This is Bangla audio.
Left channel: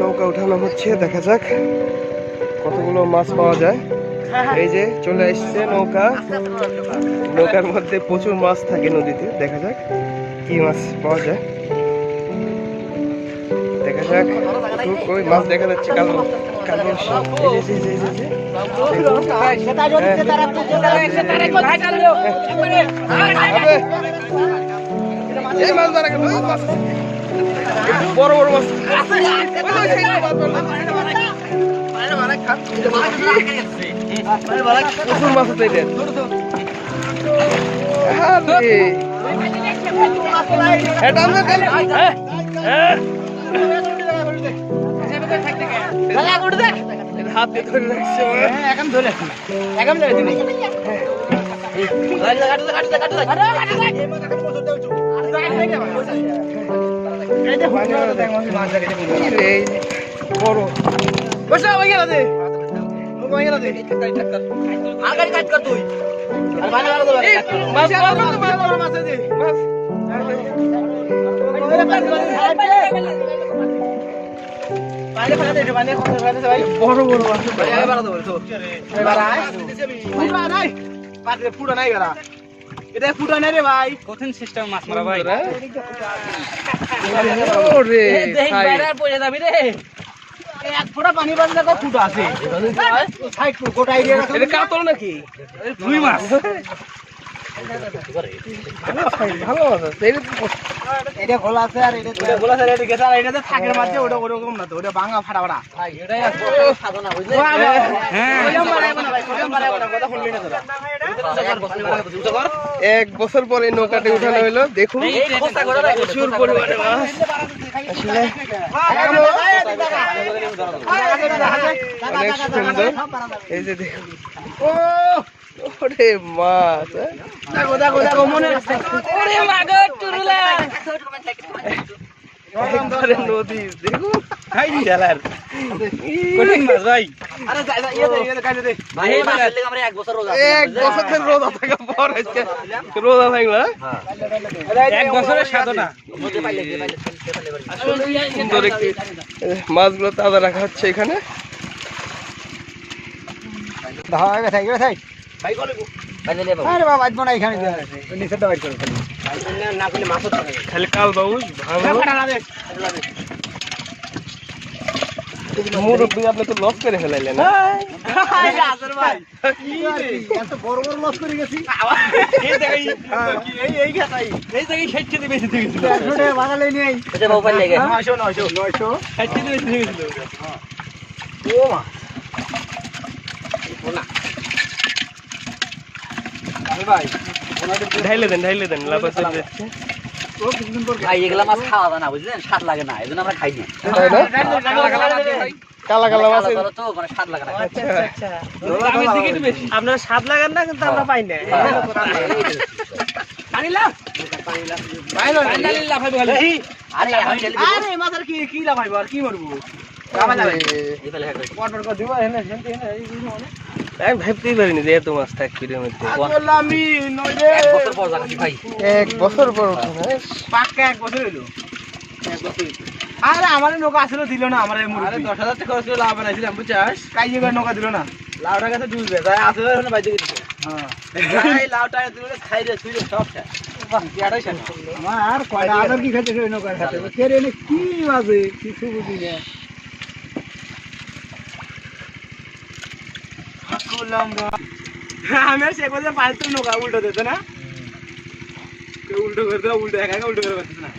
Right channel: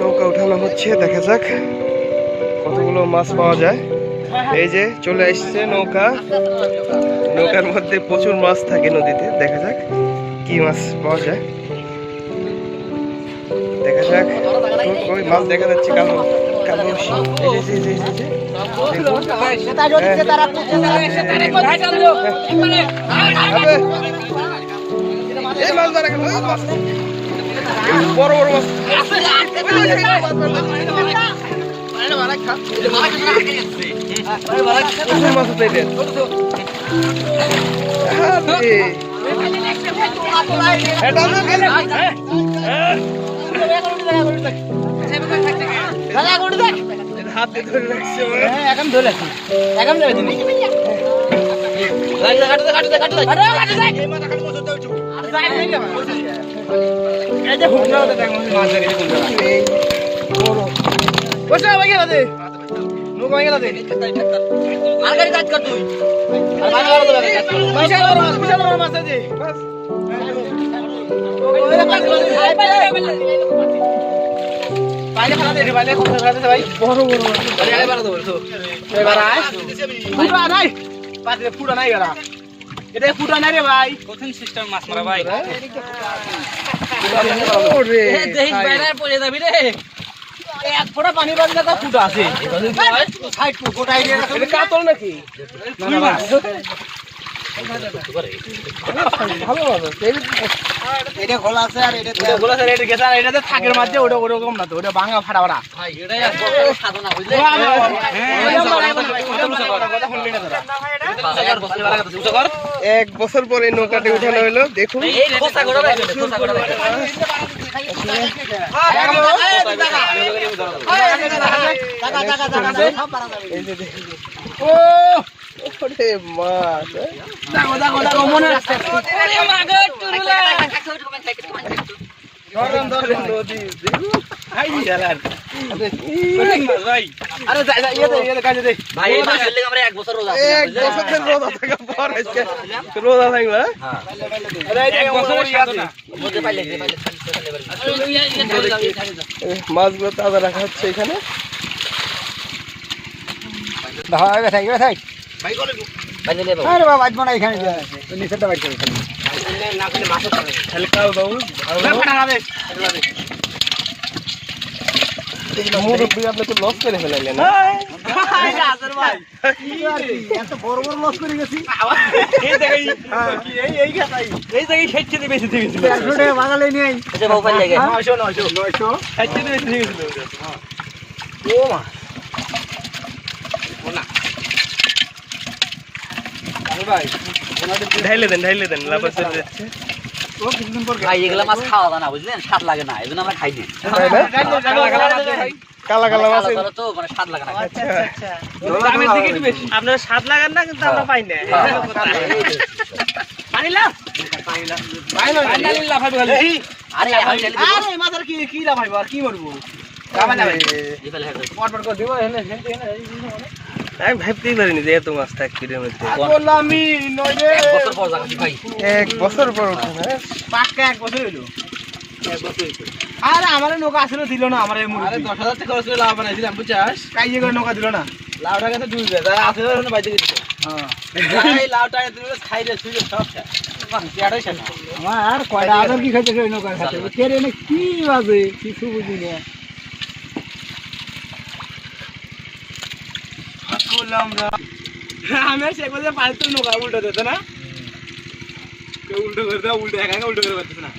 নৌকা উঠানো হচ্ছে, দেখা যাক কতগুলো মাছ পাওয়া যায়। এই যে চলে আসছে নৌকা, নৌকার মধ্যে প্রচুর মাছ থাকে নদীতে। দেখা যাক কি মাছ পাওয়া যায়, দেখা যাক। ওই মাছ দেখা যাচ্ছে কালো কালো। এই মাছ ধরা গেল, বড় বড় মাছ, প্রচুর মাছ আছে। হাতে ধরে রাখছে, এখন ধরে রাখছি, এখন ধরে দিবি। কাতল নাকি? ভালো এটা খোলা আছে, আর এটা খোলা আছে, এটা গেছে, আর এটাতে ফাঁকের মাঝে ওটা ওরকম না তো, ওটা ভাঙা ফাটা ফাটা। সাধনা বুঝলে, এক বছর পরে নৌকাতে উঠানো হলো। দেখুন এই যে মাছ নদী, মাছগুলো তাজা রাখা হচ্ছে এখানে। আপনি তো লস করে ফেলাইলেন না? ঢাইলে দেন লাভ আছে। ভাই এগুলা মাছ খাওয়া যায় না, বুঝলেন, স্বাদ লাগে না, এই জন্য আমরা খাই না। কালা কালা মাছ তো মানে স্বাদ লাগে না। আপনার স্বাদ লাগান না, কিন্তু আমরা পাই না। আমি ভাবতেই পারিনি যে এত মাছ থাকবে এর মধ্যে। এক বছর পর পাক্কা 1 বছর হইলো। আরে আমার নৌকা আসলে দিল না, আমার 10,000 টাকা খরচ করে লাভ বানাইছিলাম, বুঝছাস? কাইয়ে করে নৌকা দিল না, লাউটা কাছে ডুববে যায়, আসলে ওখানে বাইতে গেছে। হ্যাঁ এই লাউটা দিলে খাইলে শুইলে সব খায়। বাহ ইয়াটাই খায় না। আর কয়টা আদর কি খাইতে ওই নৌকা খাইতে কেরে নে কি বাজে কিছু বুঝি না। আমি আর শেখ বাজে পাঁচটা নৌকা উল্টো দিত না, উল্টো করে দেওয়া, উল্টো একা উল্টো করে পারতেছে না।